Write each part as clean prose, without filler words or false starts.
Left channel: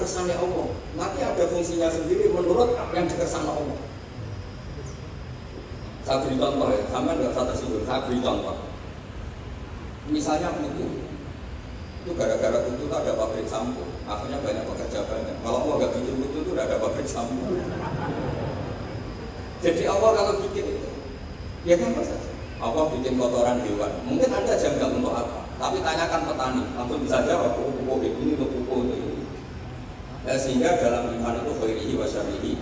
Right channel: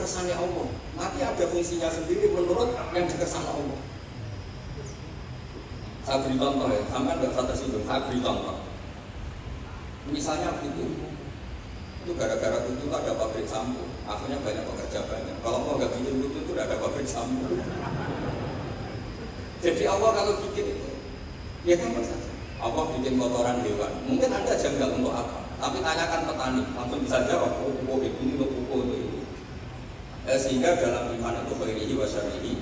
kersane Allah. Nanti ada fungsinya sendiri menurut yang dikersane Allah. Saya beri contoh ya, sampai nggak usah tersinggung. Saya beri contoh. Misalnya itu gara-gara itu ada pabrik sampo, akhirnya banyak pekerja banyak. Kalau Allah nggak bikin itu tidak ada pabrik sampo. Jadi Allah kalau bikin itu, ya kan saja. Allah bikin kotoran hewan. Mungkin Anda janggal untuk apa? Tapi tanyakan petani, langsung bisa jawab. Pupuk ini untuk pupuk itu. Sehingga dalam iman itu khairihi wa syarrihi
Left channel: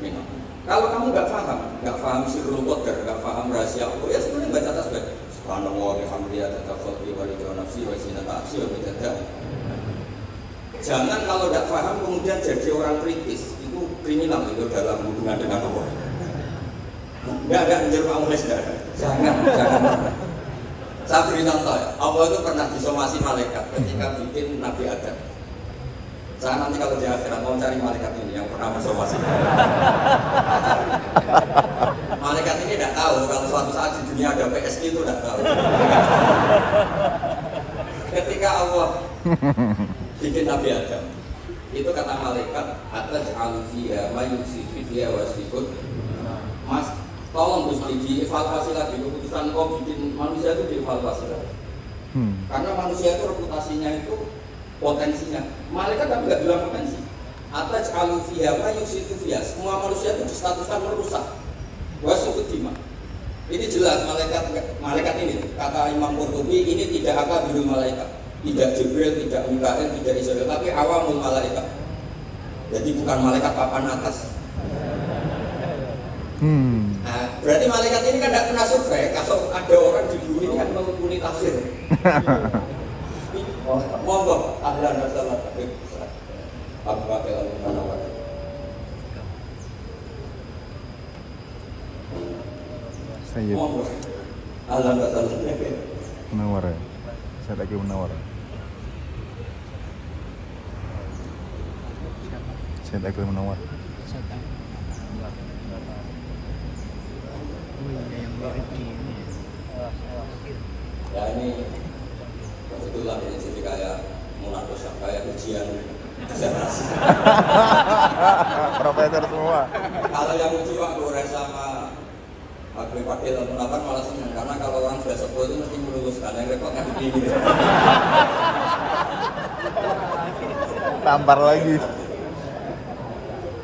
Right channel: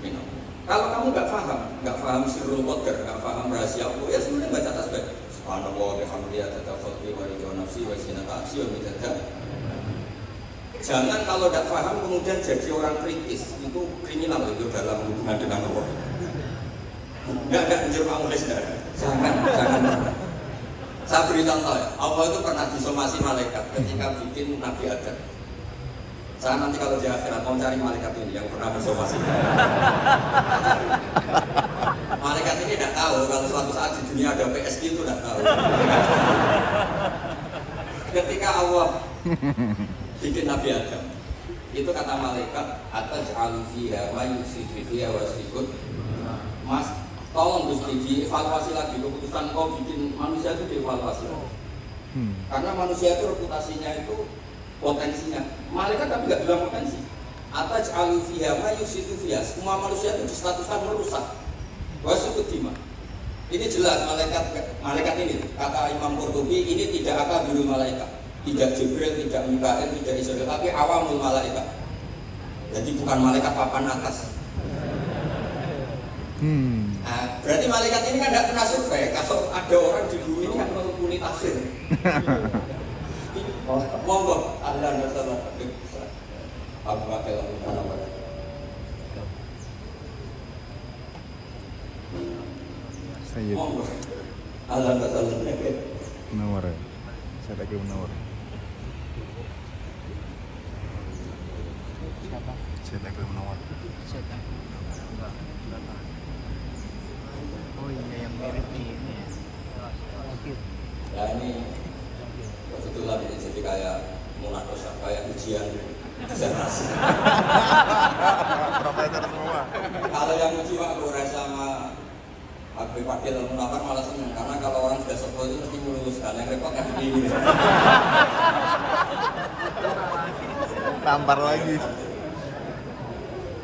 minhum. Kalau kamu nggak paham sirrul qadar, nggak paham rahasia Allah, ya sebenarnya baca tasbih. Subhanallah bihamdihi tatafaqi wa ridha nafsi wa zinata arsy wa midada. Jangan kalau tidak paham kemudian jadi orang kritis, itu kriminal itu dalam hubungan dengan Allah. Enggak menjadi penulis enggak. Jangan. Saya beri contoh ya, Allah itu pernah disomasi malaikat ketika bikin Nabi Adam. Saya nanti kalau di akhirat mau cari malaikat ini yang pernah bersomasi. Malaikat ini tidak tahu kalau suatu saat di dunia ada PSG itu tidak tahu. Ketika Allah bikin Nabi Adam, itu kata malaikat ataj'alu fiha ma yusifu fiha wasifun. Mas, tolong Gusti dievaluasi lagi keputusan kau bikin manusia itu dievaluasi lagi. Karena manusia itu reputasinya itu potensinya. Malaikat tapi nggak bilang potensi. Ataj'alu fiha ma yusifu fiha. Semua manusia itu distatuskan merusak. Wasifud dima. Ini jelas malaikat ini kata Imam Qurtubi ini tidak akabirul malaikat. Tidak Jibril, tidak Mikail, tidak Israel, tapi awamul malaikat. Jadi bukan malaikat papan atas. Nah, berarti malaikat ini kan tidak pernah survei. Kalau ada orang di bumi ini kan menghubungi tafsir. Monggo, ahlan wa sahlan. Abu Bakar al-Munawwar. Sayyid. Monggo. Ahlan wa sahlan. Munawwar. Saya lagi Munawwar. Saya lagi Munawwar. Oh iya yang mirip ini. Ya ini kebetulan ini jadi kayak munakosyah, kayak ujian disertasi. Profesor semua. Kalau yang uji Pak Goreng sama Agri Pakil Munawwar malah senang karena kalau orang sudah sebut itu mesti meluluskan, yang repot kan begini. Tampar lagi.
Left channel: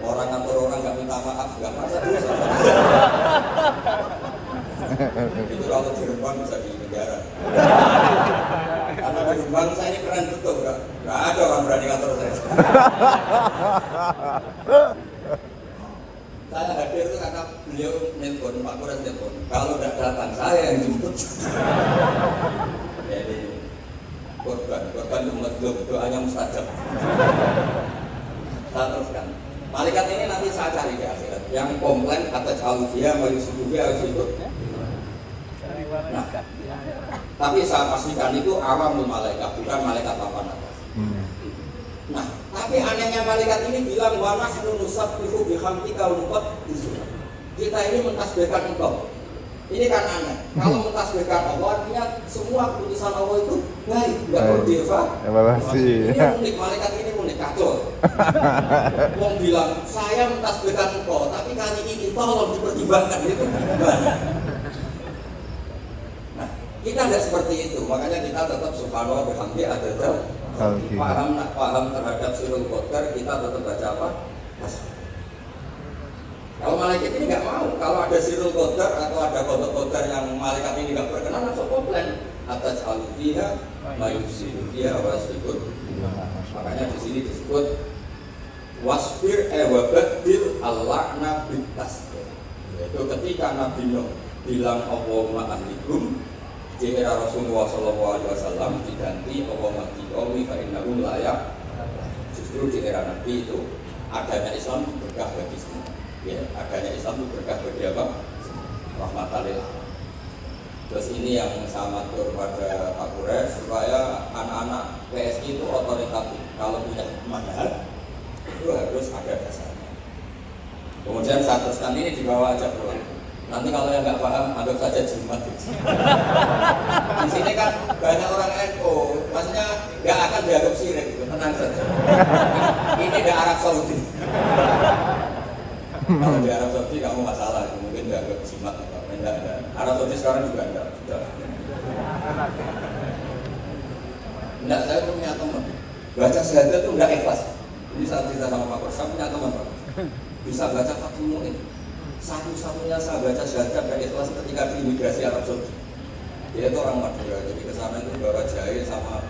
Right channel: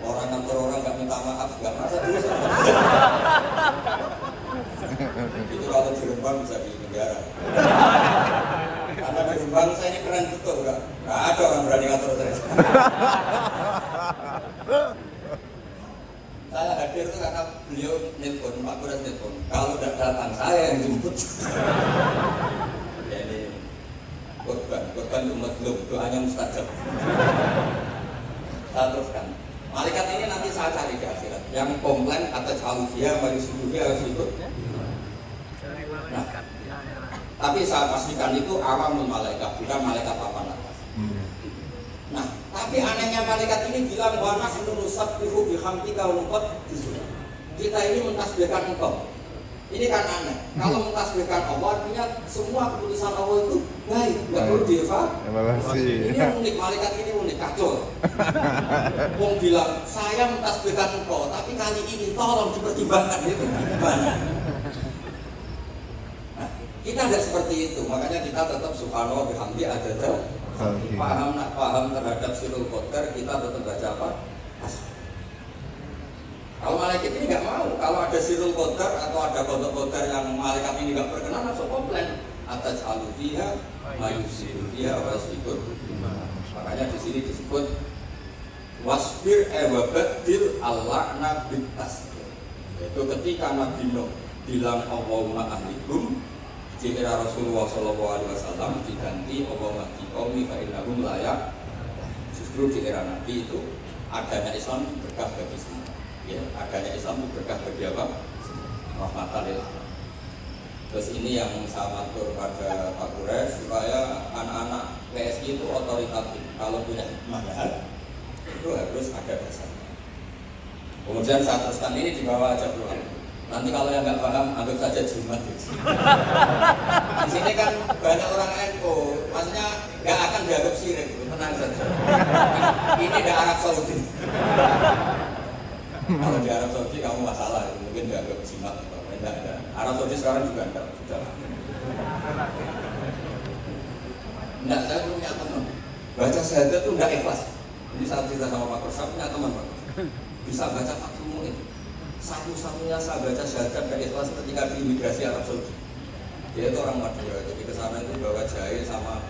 Orang kantor orang nggak minta maaf, nggak masa dulu. Itu kalau di Rembang bisa di negara. Karena di Rembang saya ini keren betul, nggak ada orang berani kantor saya. Saya hadir itu karena beliau nelpon, Pak Kores nelpon. Kalau tidak datang saya yang jemput. Jadi korban umat doanya mustajab. Saya teruskan. Malaikat ini nanti saya cari di akhirat. Yang komplain atas alufia, malusubuhia harus ikut. Nah, tapi saya pastikan itu awamul malaikat, bukan malaikat papan atas. Nah, tapi anehnya malaikat ini bilang wa nahnu nusabbihu bihamdika wa nuqaddisu. Kita ini mentasbihkan engkau. Ini kan aneh. Kalau mentasbihkan Allah artinya semua keputusan Allah itu baik, enggak perlu dievaluasi. Ini unik, malaikat ini unik, kacau. Wong bilang, saya mentasbihkan engkau, tapi kali ini tolong dipertimbangkan itu gimana? Nah, kita tidak seperti itu, makanya kita tetap subhanallah bihamdi adada. Paham terhadap sirrul qadar, kita tetap baca apa? Kalau malaikat ini nggak mau, kalau ada sirrul qadar atau ada qadar yang malaikat ini nggak berkenan langsung komplain atas alufia, mayusidudia, wasbir. Makanya di sini disebut wasbir wabadil al-la'na bit-tasbih. Itu ketika Nabi Nuh bilang Allahumma ahlikum, di era Rasulullah SAW diganti Allahumma qawmi fa innahum layak. Justru di era Nabi itu adanya Islam berkah bagi semua. Ya, adanya Islam itu berkah bagi apa? Rahmatan lil alamin. Terus ini yang saya matur pada Pak Kures supaya anak-anak PSI itu otoritatif. Kalau punya manhaj itu harus ada dasarnya. Kemudian saya teruskan ini dibawa aja pulang. Nanti kalau yang nggak paham anggap saja jimat. Di sini kan banyak orang NU, maksudnya nggak akan dianggap syirik, tenang saja. Ini di Arab Saudi. Kalau di Arab Saudi kamu masalah, mungkin nggak ke jimat atau enggak. Arab Saudi sekarang juga enggak. Enggak, saya punya teman baca syahadat itu enggak ikhlas. Ini saat cerita sama Pak Kor, saya punya teman Pak bisa baca Fathul Mu'in. Satu-satunya saya baca syahadat enggak ikhlas ketika di imigrasi Arab Saudi. Dia itu orang Madura, jadi kesana itu bawa jari sama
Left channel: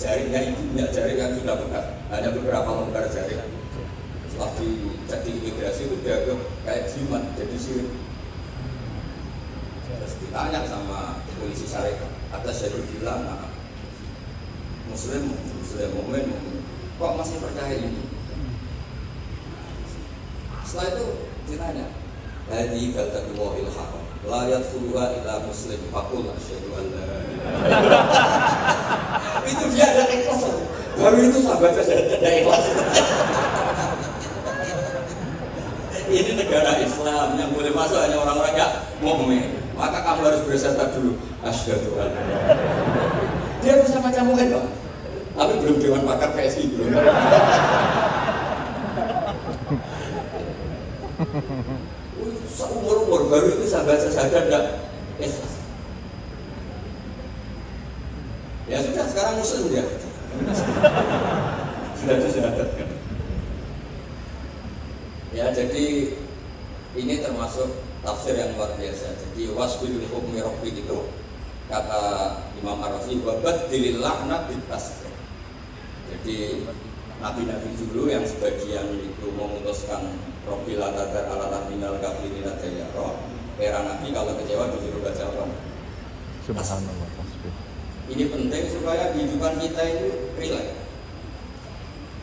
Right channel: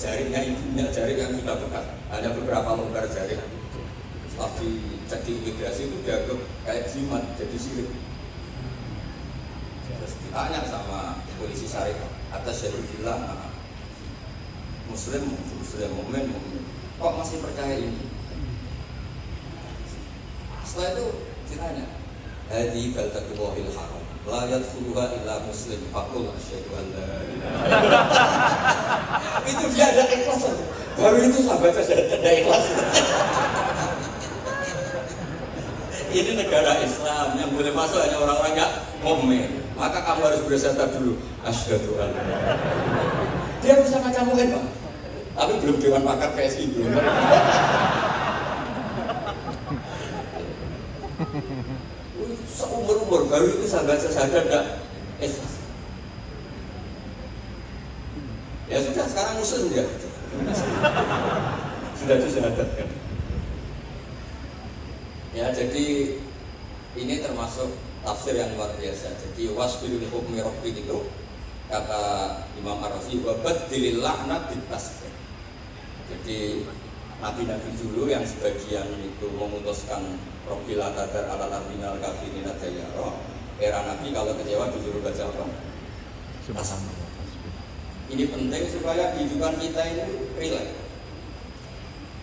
jarinya ibunya, jari yang sudah bekas, hanya beberapa lembar jari. Setelah dicek di imigrasi itu dianggap kayak jimat, jadi sirik. Terus ditanya sama polisi syarikat atas jadi bilang Muslim, mukmin, kok masih percaya ini? Setelah itu ditanya, hadi baltadullahil haram, la yadkhuluha illa muslim, faqul asyhadu an la ilaha. Itu dia ada ikhlas. Baru itu sahabat saya ada ikhlas. Ini negara Islam yang boleh masuk hanya orang-orang yang mukmin. Maka kamu harus bersyahadat dulu, asyhadu an la ilaha. Dia bisa macam mukmin, Pak. Tapi belum dewan pakar PSI belum. Seumur-umur baru itu sahabat saya tidak ikhlas. Ya sudah, sekarang muslim dia. Sudah disyahadatkan. Ya jadi ini termasuk tafsir yang luar biasa. Jadi wasbil hukmi rabbik itu kata Imam Ar-Razi wa badilil laknat bitasbih. Jadi nabi-nabi dulu yang sebagian itu memutuskan Rabbil atadar ala nabinal kafirin adayaro. Era nabi kalau kecewa disuruh baca apa? Subhanallah. Ini penting supaya kehidupan kita itu rileks.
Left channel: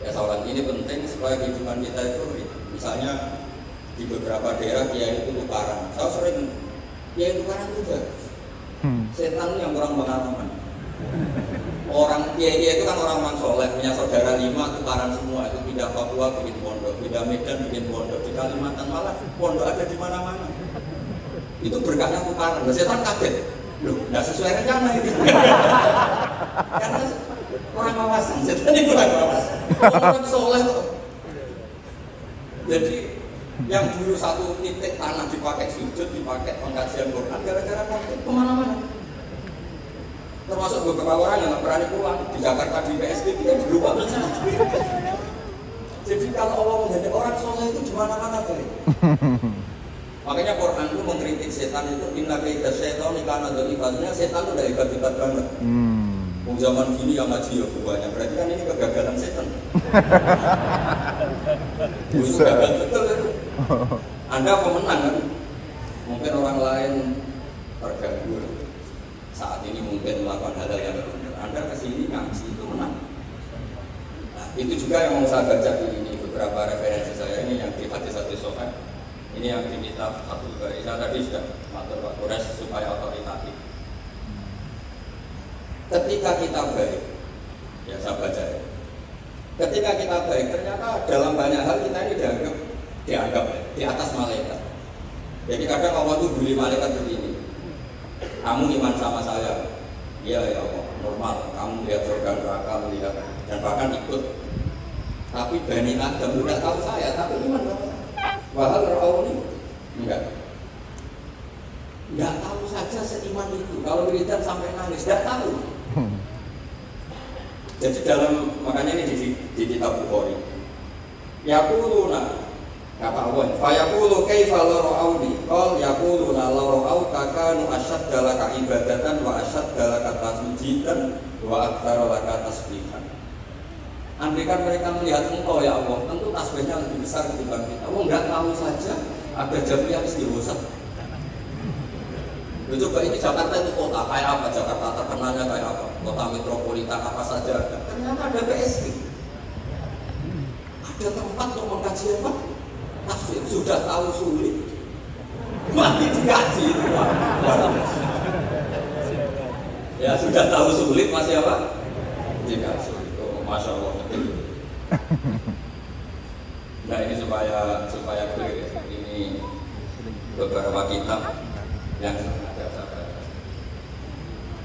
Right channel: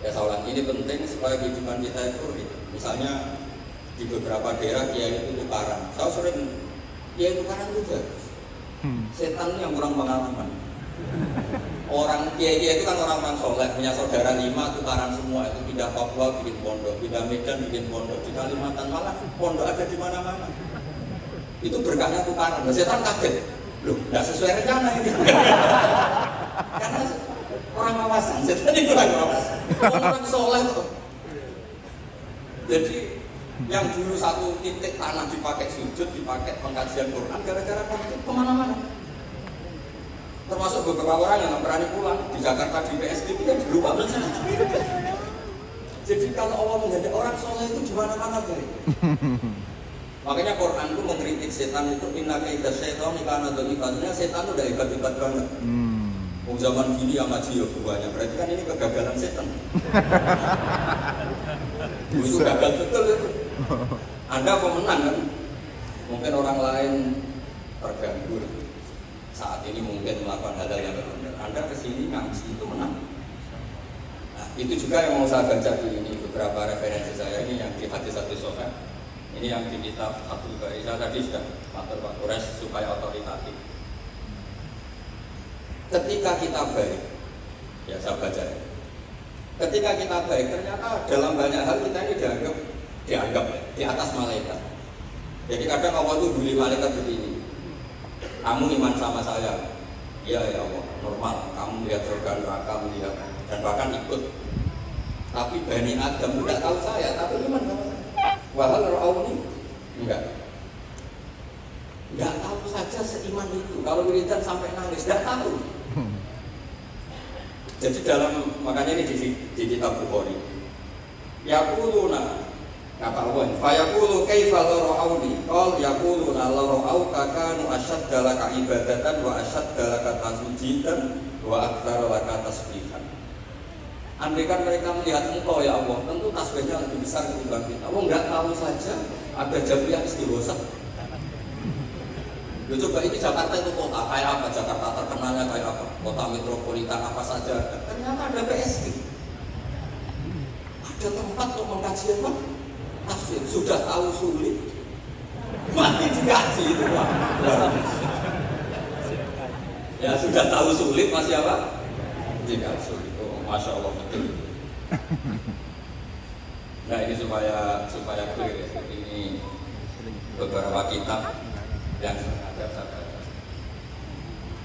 Ya soalan ini penting supaya kehidupan kita itu rileks. Misalnya di beberapa daerah kiai itu tukaran. Saya sering kiai tukaran juga. Setan yang kurang pengalaman. Orang kiai itu kan orang-orang soleh, punya saudara 5 tukaran semua, itu pindah Papua bikin pondok, pindah Medan bikin pondok, di Kalimantan malah pondok ada di mana-mana. Itu berkahnya tukaran. Setan kaget, loh, nggak sesuai rencana ini. Karena orang wawasan, setan itu orang wawasan, orang soleh itu. Jadi yang dulu satu titik tanah dipakai sujud, dipakai pengkajian Quran, gara-gara praktik kemana-mana. Termasuk beberapa orang yang nggak berani pulang di Jakarta di PSBB kan berubah. Jadi kalau Allah menghendaki orang soleh itu di mana-mana baik. Makanya Quran itu mengkritik setan itu inna kaida syaitan kana dzalifanya, setan itu udah hebat-hebat banget. Zaman gini yang ngaji ya banyak, berarti kan ini kegagalan setan. Itu gagal betul itu. Anda pemenang kan? Mungkin orang lain terganggu. Saat ini mungkin melakukan hal-hal yang benar. Anda kesini ngaji itu menang. Nah, itu juga yang mau saya baca di ini beberapa referensi saya ini yang di hadis-hadis sahih. Ini yang di kitab Fathul Bari. Saya tadi sudah matur Pak Kores supaya otoritatif. Ketika kita baik, ya saya baca ya. Ketika kita baik, ternyata dalam banyak hal kita ini dianggap di atas malaikat. Jadi kadang Allah itu bully malaikat begini. Kamu iman sama saya, iya ya Allah, normal. Kamu lihat surga neraka, melihat dan bahkan ikut. Tapi Bani Adam tidak tahu saya, tapi iman sama saya. Wahal Rauni enggak tahu saja seiman itu. Kalau wiridan sampai nangis, tidak tahu. Jadi dalam makanya ini di kitab Bukhari. Yaquluna kata Allah, fa yaqulu kaifa la ra'auni? Qal yaquluna la ra'auka kanu ashadda laka ibadatan wa ashadda laka tasbihan wa aktsara laka tasbihan. Andai kan mereka melihat engkau ya Allah, tentu tasbihnya lebih besar ketimbang kita. Oh enggak tahu saja ada Jabri yang istighosah. Coba ini Jakarta itu kota kayak apa? Jakarta terkenalnya kayak apa? Kota metropolitan apa saja ada. Ternyata ada PSG. Ada tempat untuk mengkaji apa? Tafsir. Sudah tahu sulit, masih dikaji itu Pak. Ya sudah tahu sulit masih apa? Dikaji. Oh, Masya Allah betul. Nah ini supaya clear. Ini beberapa kitab yang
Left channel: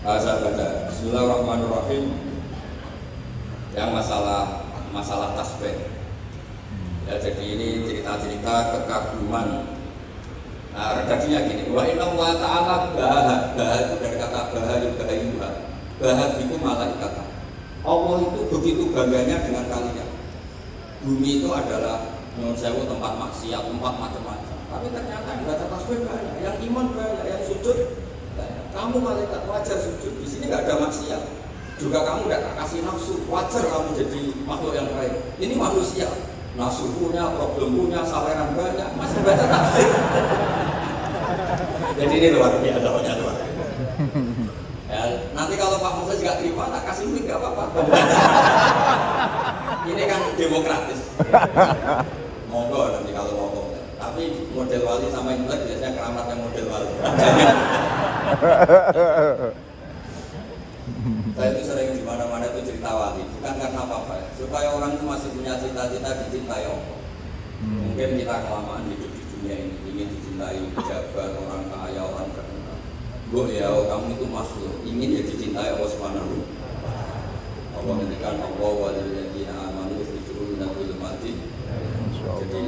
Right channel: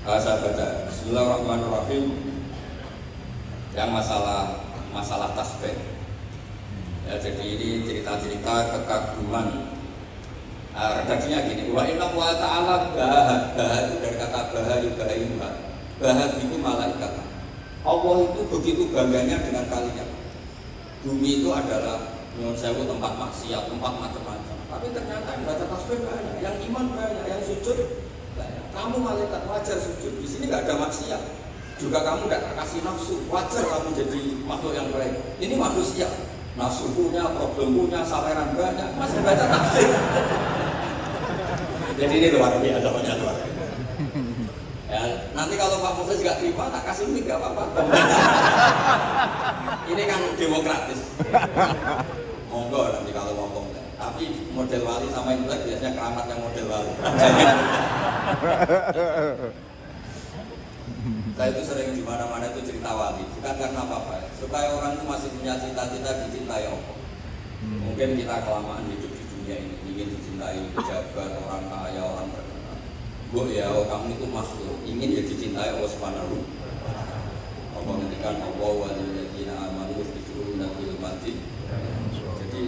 ada saya baca. Bismillahirrahmanirrahim. Yang masalah tasbih. Ya, jadi ini cerita-cerita kekaguman. Nah, redaksinya gini, wa inna wa ta'ala baha itu dari kata baha yubaha. Baha itu malaikat. Allah itu begitu bangganya dengan kalian. Bumi itu adalah nyuwun sewu tempat maksiat, tempat macam-macam. Tapi ternyata yang baca tasbih banyak, yang iman banyak, yang sujud banyak. Kamu malaikat wajar sujud. Di sini nggak ada maksiat. Juga kamu tidak terkasih nafsu, wajar kamu jadi makhluk yang baik. Ini manusia. Nafsu punya, problem punya, saweran banyak, masih baca tasbih. Jadi ini luar biasa, luar. Ya, nanti kalau Pak Muflis nggak terima, tak kasih mic nggak apa-apa. Ini kan demokratis. Monggo nanti kalau ngomong. Tapi model wali sama Imlek biasanya keramat yang model wali. Saya itu sering di mana-mana itu cerita wali, bukan karena apa-apa ya. Supaya orang itu masih punya cita-cita dicintai Allah. Mungkin kita kelamaan hidup di dunia ini, ingin dicintai pejabat, orang kaya, orang terkenal. Bu ya, kamu itu makhluk, ingin ya dicintai Allah Subhanahu. Allah menjadikan Allah walilladzina amanu yusbiruna bil mati. Jadi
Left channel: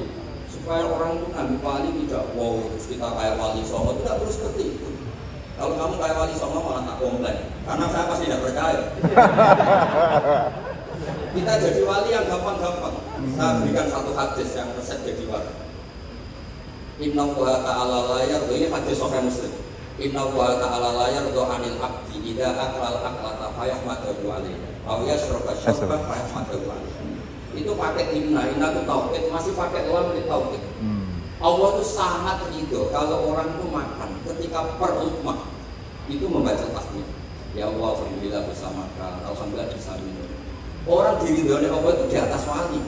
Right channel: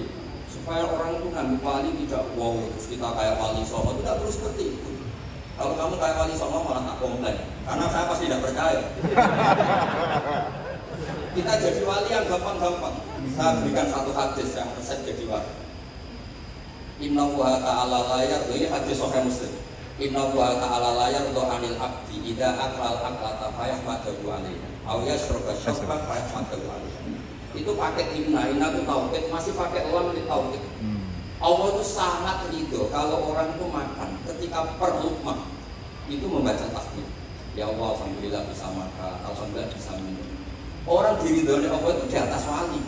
supaya orang itu ngambil wali tidak wow, terus kita kayak wali Songo itu tidak perlu seperti itu. Kalau kamu kayak wali Songo malah tak komplain, karena saya pasti tidak percaya. Kita jadi wali yang gampang-gampang. Saya berikan satu hadis yang resep jadi wali. Inna wa ta'ala la yarda, ini hadis Sahih Muslim. Inna wa ta'ala la yarda anil abdi idza aqral aqlata fayahmadu alaihi aw yashraba syarban fayahmadu alaihi. Itu pakai inna itu tauhid, masih pakai lam di tauhid. Allah itu sangat ridho kalau orang itu makan ketika per lukmah itu membaca tasbih. Ya Allah, alhamdulillah bisa makan, alhamdulillah bisa minum. Orang diridhoi Allah itu di atas wali.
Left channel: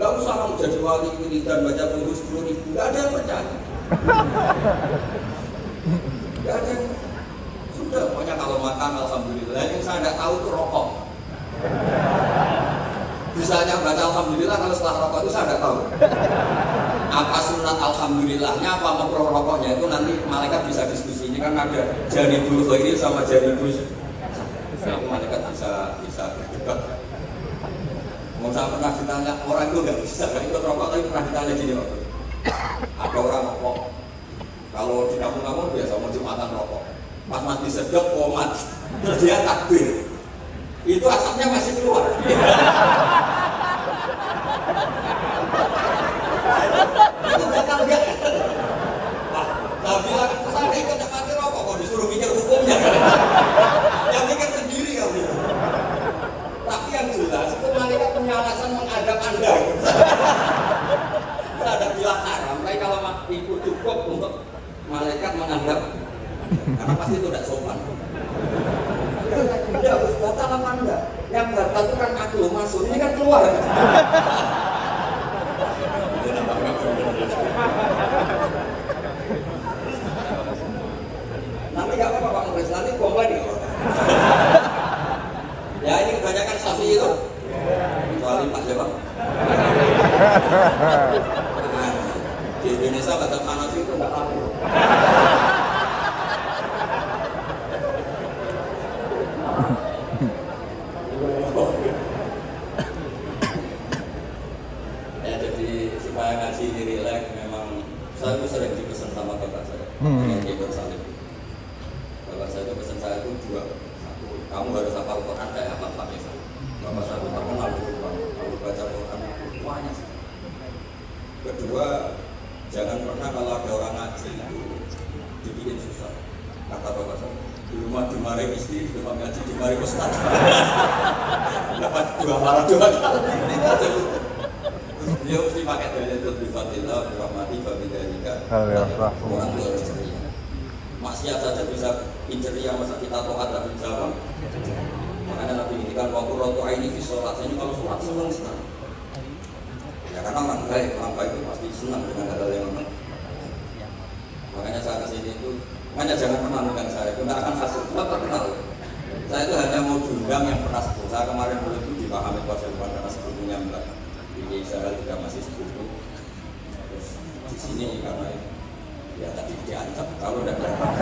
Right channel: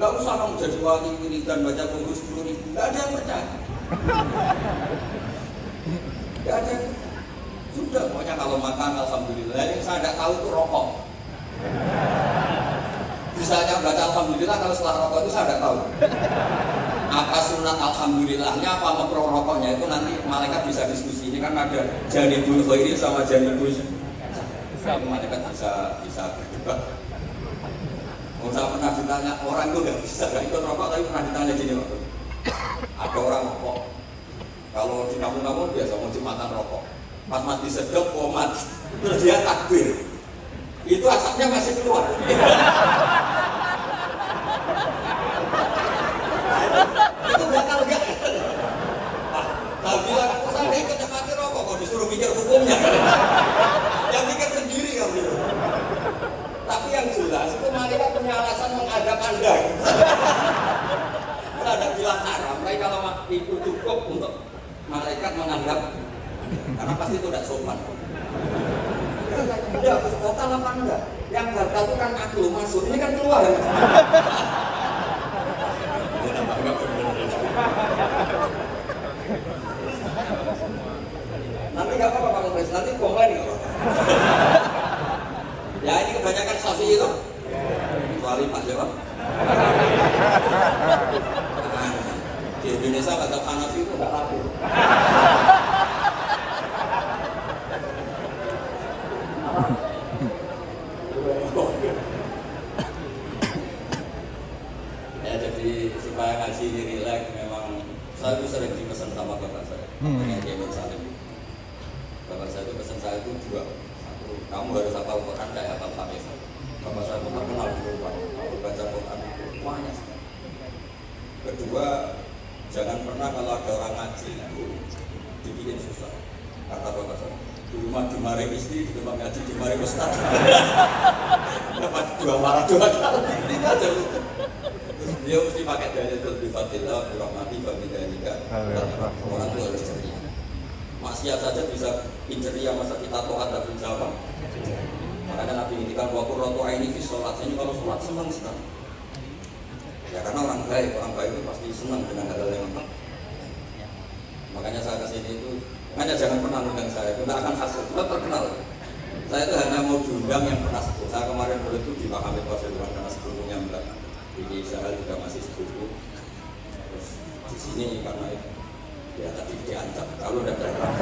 Gak usah kamu jadi wali wiridan baca buku 10.000, gak ada yang percaya. Gak ada. Sudah, pokoknya kalau makan alhamdulillah. Yang saya tidak tahu itu rokok. Bisanya baca alhamdulillah kalau setelah rokok itu saya tidak tahu. Apa sunat alhamdulillahnya, apa makruh rokoknya itu nanti malaikat bisa diskusi. Ini kan ada janibul khairi sama janibul syarr. Malaikat bisa berdebat. Mau saya pernah ditanya, orang itu nggak bisa nggak ikut rokok, tapi pernah ditanya gini Pak. Ada orang rokok, kalau di kampung-kampung biasa mau jumatan rokok, pas mati sedek komat, terus dia takbir, itu asapnya masih keluar. Itu bakal enggak? Kalau bilang saya ikut mati rokok, kok disuruh mikir hukumnya? Yang mikir sendiri kamu. Tapi yang jelas itu malaikat punya alasan menghadap Anda. Kita ada bilang haram, tapi kalau itu cukup untuk malaikat menghadap, karena pasti itu tidak sopan. Tidak harus batal apa enggak? Yang batal itu kan aklu masuk, ini kan keluar. Nanti nggak apa-apa Pak Muflis, nanti komplain nggak apa-apa. Ya ini kebanyakan Syafi'i itu. Kecuali Pak Jawa. Di Indonesia baca Hanafi itu nggak laku. Ya jadi supaya ngaji ini rileks, memang saya itu sering dipesan sama bapak saya. Yang dia bersalib. Bapak saya itu pesan saya itu dua. Kamu harus hafal Quran kayak hafal Fatihah. Bapak saya itu terkenal di rumah, kalau baca Quran banyak. Kedua, jangan pernah kalau ada orang ngaji itu dibikin susah. Kata bapak saya, di rumah dimarahi istri, di tempat ngaji dimarahi ustaz. Dapat dua marah dua kali. Ini aja. Dia mesti pakai dalil itu di Fatihah, di rahmati, babidalika. Orang tua ceria. Maksiat saja bisa inceria, masa kita toat dan bisa apa? Makanya Nabi ini kan waktu rotu ini di sholat. Ini kalau sholat senang sekali. Ya karena orang baik itu pasti senang dengan hal yang lengkap. Makanya saya kesini itu, makanya jangan pernah undang saya. Kita akan hasil, kita terkenal. Saya itu hanya mau diundang yang pernah sepupu. Saya kemarin dulu itu di Pak Hamid Pasuruan karena sepupunya mbak. Di Israel juga masih sepupu. Terus di sini karena ya tadi diancam kalau udah terkenal.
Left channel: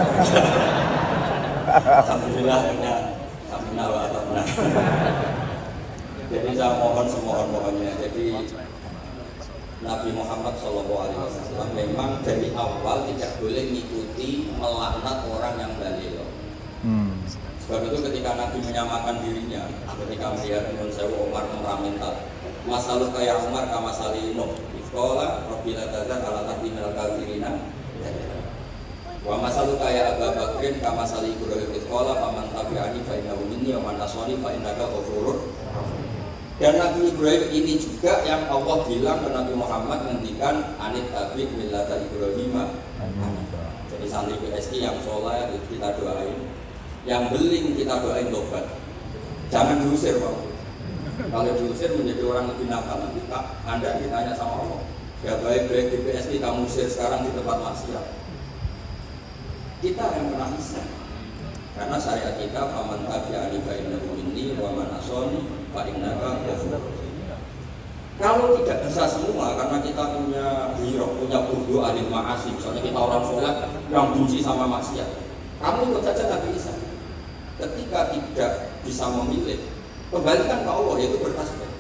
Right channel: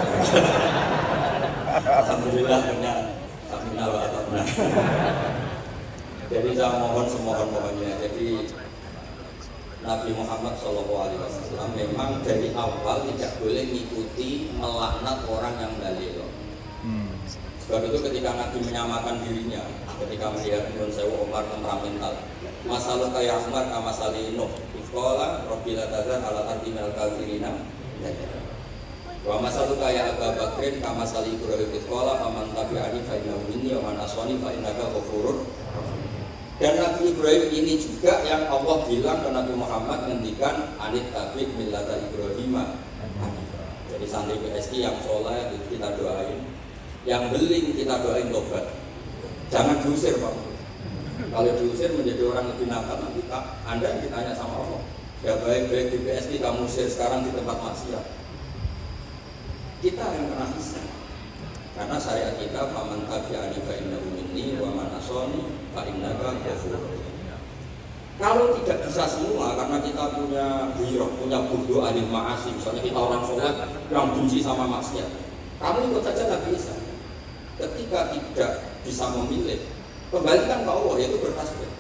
Alhamdulillah hanya Aminah wa Atabna. Jadi saya mohon semohon-mohonnya. Jadi Nabi Muhammad SAW memang dari awal tidak boleh mengikuti melaknat orang yang dalil. Sebab itu ketika Nabi menyamakan dirinya, ketika melihat Ibn Sewu Umar temperamental, masalah kayak Umar kama salino, sekolah Robbila Tazar ala tarti minal kafirina. Wa masalah kayak Abu Bakrin kama salih Ibrahim sekolah paman tabi'ani fa innahu minni wa man asani fa innaka ghafurur. Dan Nabi Ibrahim ini juga yang Allah bilang ke Nabi Muhammad ngendikan anit tabi' millata Ibrahim. Jadi santri PSI yang soleh kita doain. Yang beling kita doain tobat. Jangan diusir Pak. Kalau diusir menjadi orang lebih nakal nanti Anda ditanya sama Allah. Ya baik-baik di PSI kamu usir sekarang di tempat maksiat. Kita yang pernah bisa. Karena syariat kita faman tabi'ani fa innahu minni wa man asani fa innaka ghafurur. Kalau tidak bisa semua karena kita punya hirok, punya burdu adil ma'asi. Misalnya kita orang soleh yang benci sama maksiat. Kamu ikut saja Nabi Isa. Ketika tidak bisa memilih, kembalikan ke Allah, yaitu bertasbih.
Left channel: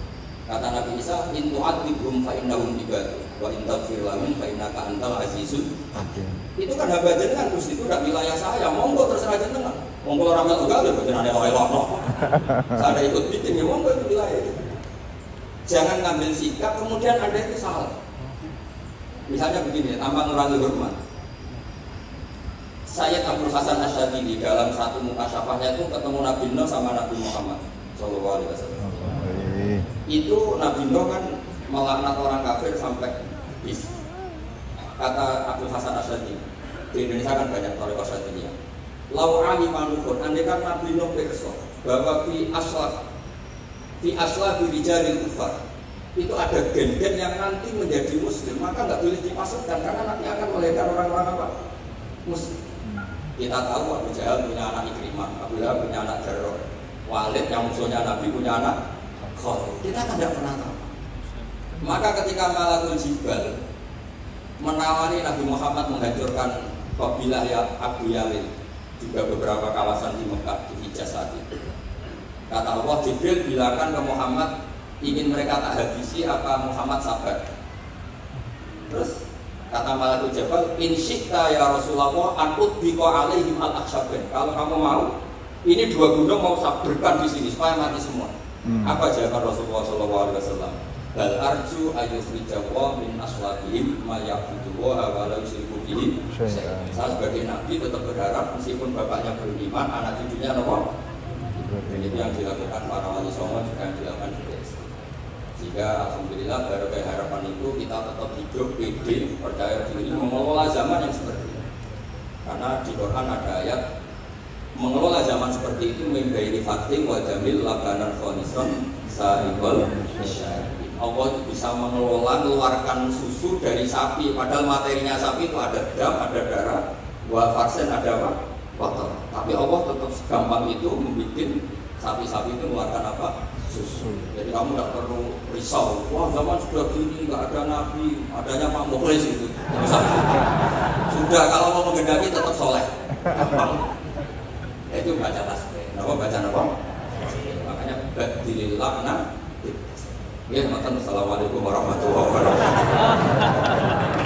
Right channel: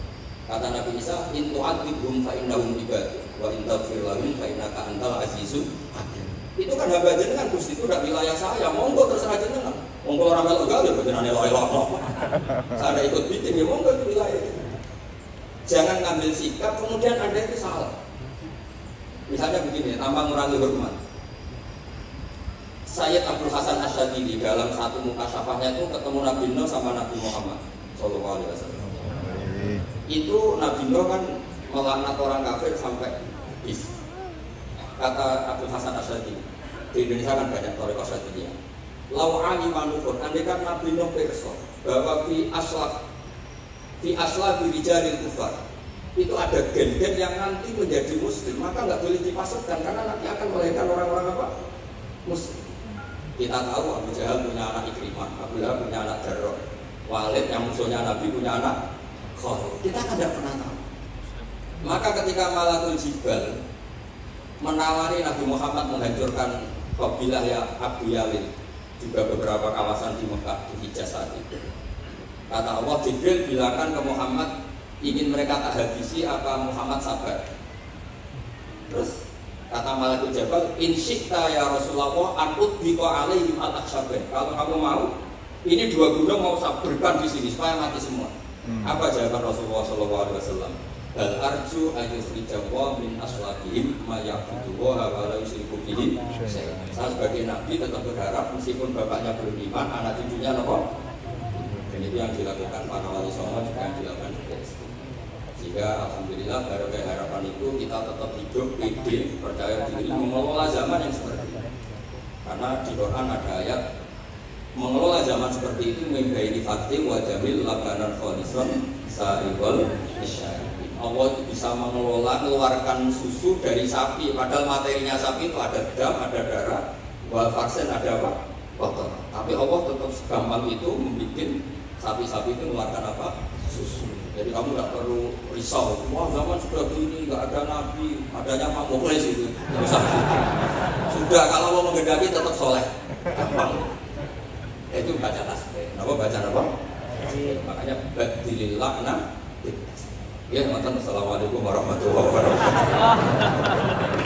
Kata Nabi Isa, in tu'adzibhum fa innahum ibadu wa in taghfir lahum fa innaka antal azizul hakim. Itu kan hamba jenengan, Gusti, itu tidak wilayah saya. Monggo terserah jenengan. Monggo ora melu gawe jenengan elok-elok. Saya ikut bikin ya monggo itu wilayah itu. Jangan ngambil sikap kemudian Anda itu salah. Misalnya begini, tanpa mengurangi hormat. Sayyid Abdul Hasan Asyadili dalam satu mukasyafahnya itu ketemu Nabi Nuh sama Nabi Muhammad Sallallahu Alaihi Wasallam. Itu Nabi Nuh kan melaknat orang kafir sampai bis. Kata Abdul Hasan Asyadili, di Indonesia kan banyak thariqah Asyadiliyah. Lau alimanukun, andai kan Nabi Nuh pirsa bahwa fi asla birijalil kufar itu ada gen-gen yang nanti menjadi muslim, maka nggak boleh dipasukkan karena nanti akan melahirkan orang-orang apa? Muslim. Kita tahu Abu Jahal punya anak Ikrimah, Abu Lahab punya anak Jarrah, Walid yang musuhnya Nabi punya anak Khalid. Kita kan tidak pernah tahu. Maka ketika Malakul Jibal menawari Nabi Muhammad menghancurkan kabilah ya Abu Yalil, juga beberapa kawasan di Mekah, di Hijaz saat itu. Kata Allah, Jibril bilangkan ke Muhammad, ingin mereka tak habisi apa Muhammad sabar. Terus kata Malakul Jabal, in syi'ta ya Rasulullah an udbiqa alaihim al-akhsabin. Kalau kamu mau, ini dua gunung mau sabarkan di sini supaya mati semua. Apa jawaban Rasulullah SAW? Bal arju ayyukhrijallaha min aslabihim ma ya'budu wa la yusyriku bihi. Saya sebagai nabi tetap berharap meskipun bapaknya belum iman, anak cucunya nopo. Dan itu yang dilakukan para wali songo juga yang dilakukan juga. Sehingga alhamdulillah barokah harapan itu kita tetap hidup pede, percaya diri, mengelola zaman yang seperti ini. Karena di Quran ada ayat mengelola zaman seperti itu membaini fakti wa jamil lakanan khonison sa'ibal nisyari. Allah itu bisa mengelola, mengeluarkan susu dari sapi, padahal materinya sapi itu ada dam, ada darah, wa vaksin ada apa? Kotor. Tapi Allah tetap segampang itu membuat sapi-sapi itu mengeluarkan apa? Susu. Jadi kamu tidak perlu risau. Wah zaman sudah gini, nggak ada nabi, adanya Pak Mukhlis itu. Sudah kalau mau menghendaki tetap soleh. Gampang. Itu baca tasbih. Apa baca apa? Makanya badilillah nah. Ya, Assalamualaikum warahmatullahi wabarakatuh.